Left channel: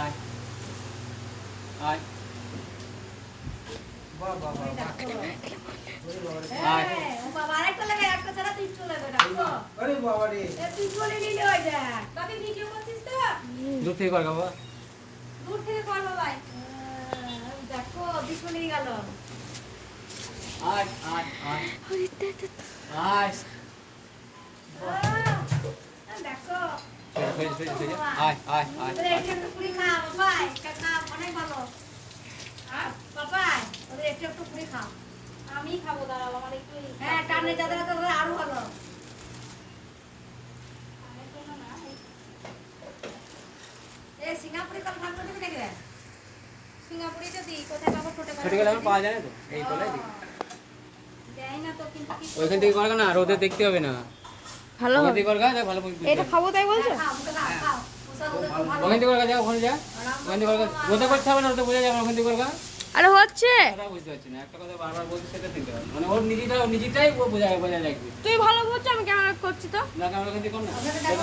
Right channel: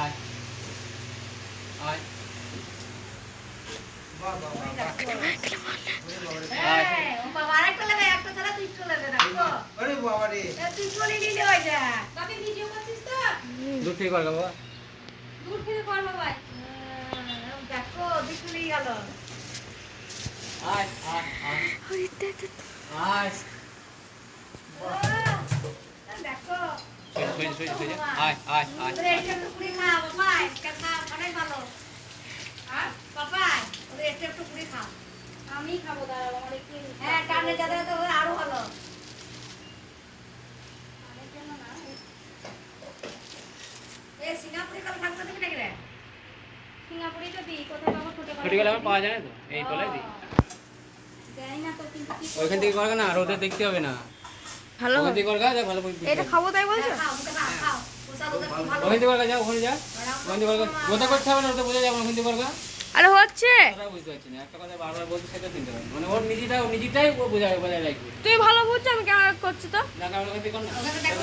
আয় আয় বাহ বাহ বাহ ও বাবা আরেকটা নেবে, একটা ছাড়া তুই চলে যাবে না। আরে বাবা রে তুই চলে নিলে হয়ে যা। তোকে ভিডিও করছিস তো? দূর থেকে কর বাবা দূর থেকে করলো ভাই। দেখো দুশো নিয়ে গেল। আয় আয় আয় আয় দেখো সোজা আয় আয় আয় ওদের একটা টুকরি খা বাবা, একটা খা, অনেক ভালো। আর বাবা ওদের একটা টুকরি খা। আমি খাবো, দাঁড়াও আমার একটু। হ্যাঁ টানে যাদের তো ওদের আরো ভালো। আমার জন্য না, এই সিঙ্গাপুরি কল থাকতে দেবে নাকি রে? সিঙ্গাপুরি তো দিই, কোথায় পাবো? ছোট ছোট গেলে আমার পাওয়া যায় না তো এই কলাই দিই দেয় না তো, কিন্তু কি ওইখান থেকে করবো না আর ওদের দেখতে হবে না ভালো ওখান থেকে করগা দেখ ভালো এটা খাবো তাই বলছো? খাও ওটা খাও খাও। ওটা ওদের খুব ভালো। ওখান থেকে করগা যা ওখানে যা ওখান থেকে করগা ওটা করতে হবে না ওটা বোঝা যাবে ওখান থেকে করগা আরে হচ্ছে, কথা বুঝতে পারছি না একটা কথা বারবার বলতে সেটা চিনতে পারবে মানে ওর নিজেটাই ও বোঝা লাগবে তুই ভালো বুঝছো, আমি কেন করছি তো? না কারণ ওখান থেকে কর না ওখানে দেখো